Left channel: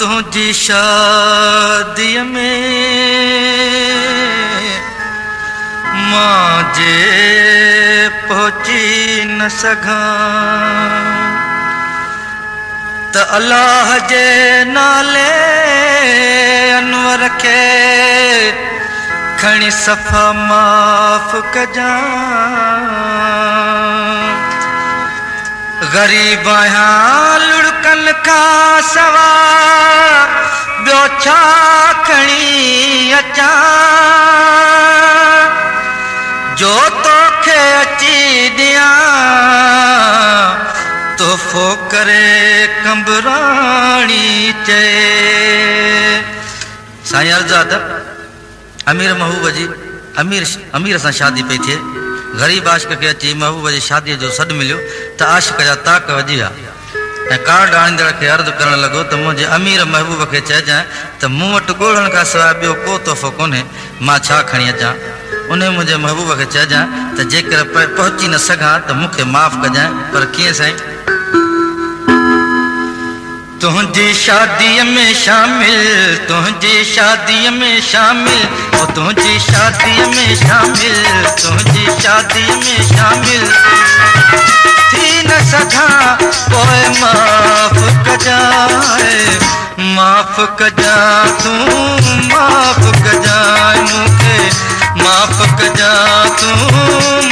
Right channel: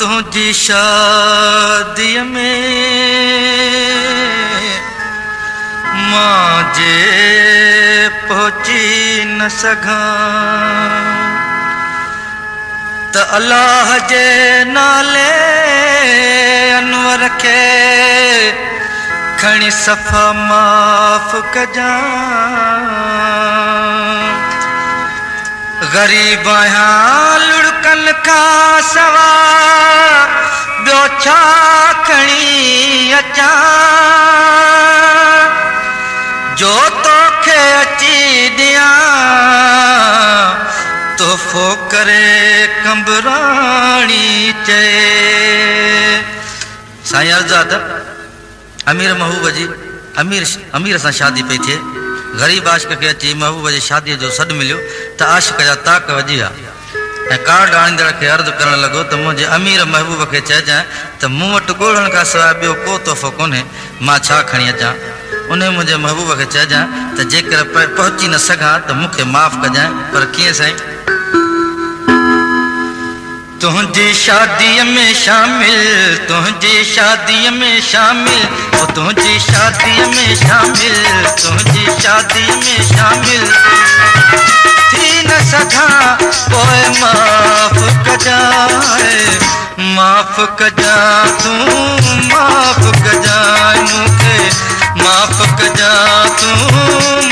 तुझी शादीअ में मांजे पहुची न सघां त अल्लाह जे नाले अनवर खे खणी सफ़ा माफ़ कजां। गरीब आहियां लुड़कन खां सवा ॿियो छा खणी अचां जो तोखे अची ॾियां तोहफ़ो करे कंबराणी चए। साईं अर्ज़ु अमीर महबूब जी अमीर सां शादी पई थिए। ग़रीब आशिक़ खे अची महबूब जी शादीअ जो सॾु मिलियो त आशिक़ जा ताक वॼी विया ऐं कार्ड आणींदड़ खे अर्ज़ु करणु लॻो त मुंहिंजे अमीर महबूब खे चइजांइ त मूं वटि ॻोल्हण खां सवाइ ॿियो को तोहफ़ो कोन्हे, मां छा खणी अचां। उन मुंहिंजे महबूब खे चइजांइ त जेकर पहुची न सघां त मूंखे माफ़ कजांइ। पर कीअं साईं? तुझी शादीअ में शामिल, तुझी शादीअ में शामिल, ओ तुझी शादीअ में शामिल, तुझी शादीअ में शामिल थी न सघां पोइ माफ़ कजांइ, माफ़ कजां तूं माफ़ कजां मूंखे, माफ़ कजां तूं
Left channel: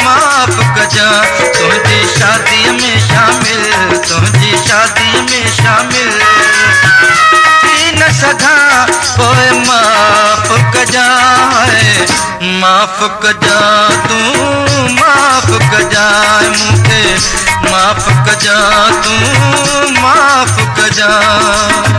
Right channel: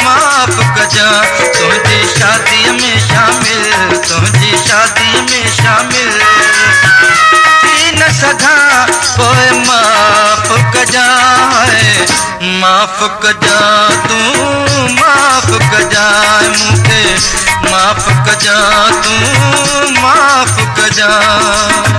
माफ़ कजां। तुझी शादीअ में शामिल, तुझी शादीअ में शामिल थी न सघां पोइ माफ़ कजांइ, माफ़ कजां तूं माफ़ कजां मूंखे, माफ़ कजां तूं माफ़ कजां।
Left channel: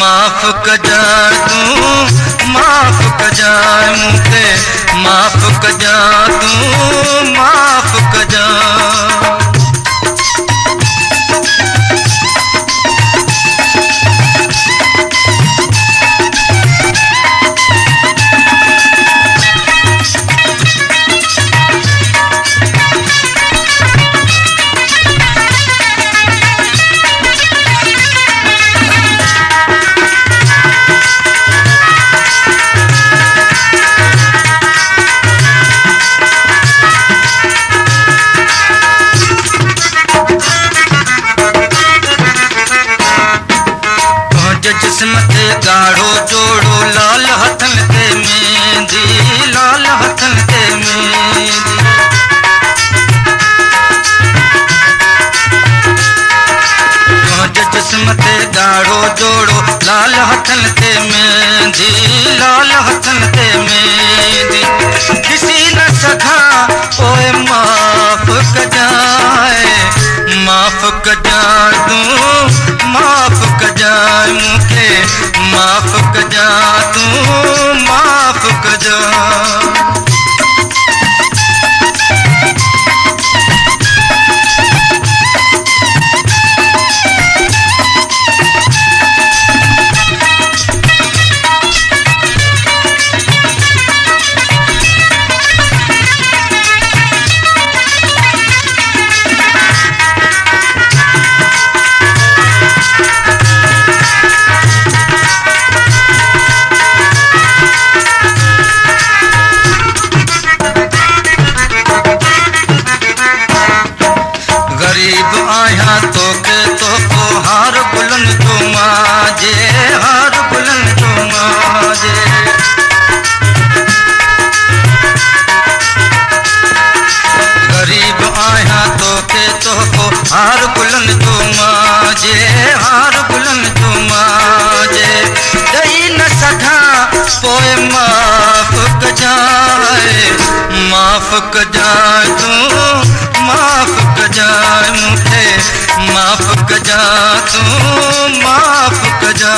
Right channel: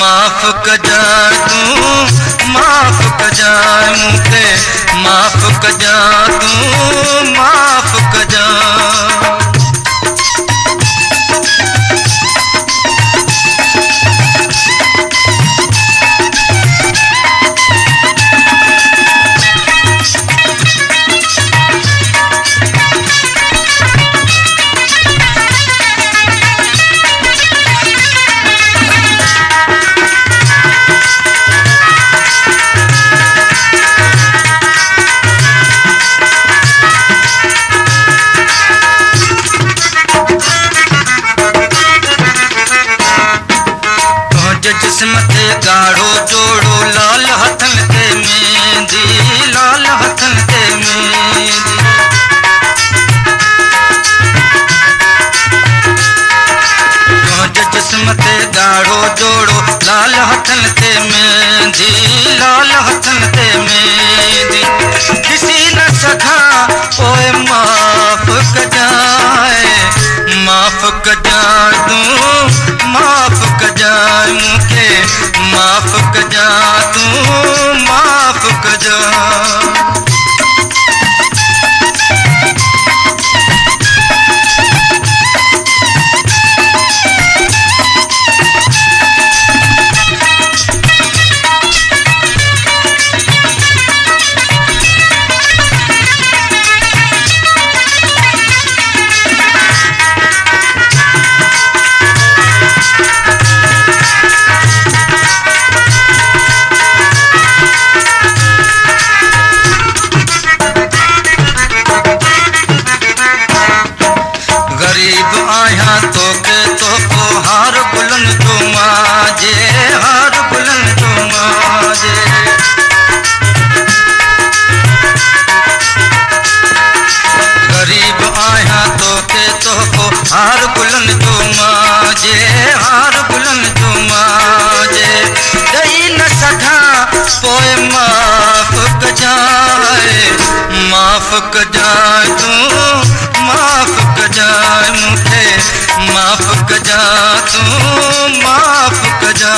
माफ़ कजां तूं माफ़ कजां मूंखे, माफ़ कजां तूं माफ़ कजां। गाढ़ो जोड़ो लाल हथन ते मेहंदी, लाल हथन ते मेहंदी तुझे जिस्म ते गाढ़ो जोड़ो लाल हथन ते मेहंदी, लाल हथन ते मेहंदी ॾिसी न सघां पोइ माफ़ कजांइ, माफ़ कजां तूं माफ़ कजां मूंखे, माफ़ कजां तूं माफ़ कजां। कजाए तू माफ़ कजाए मूंखे माफ़ कजा तू माफ़ कजा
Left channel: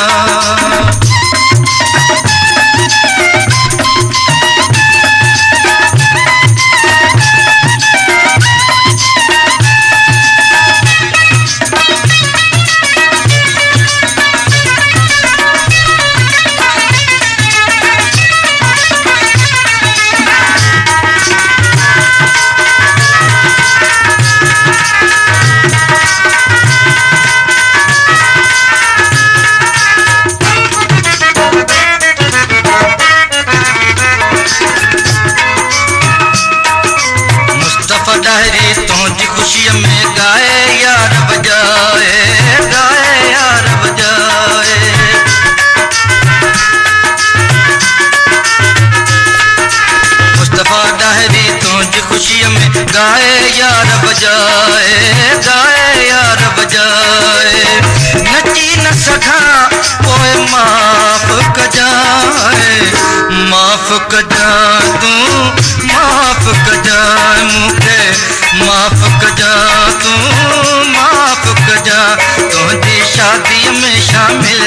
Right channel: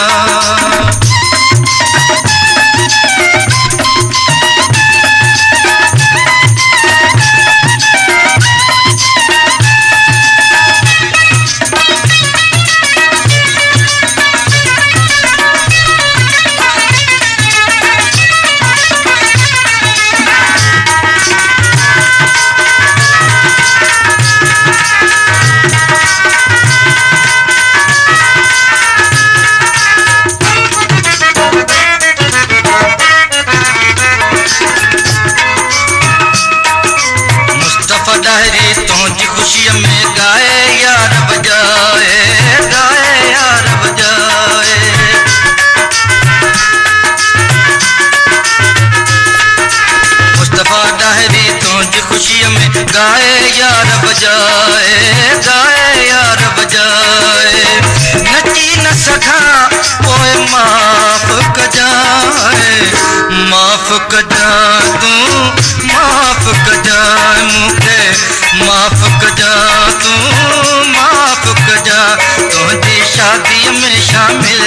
डायरी तुझी खुशी में गाए यार बजाए मुस्तफा डायरी तुझी खुशी में गाए यार बजाए नची न सघा पोइ माफ़ कजाए माफ़ कजा तू माफ़ कजा मूंखे माफ़ कजा तू माफ़ कजा तुझी शादी में शामिल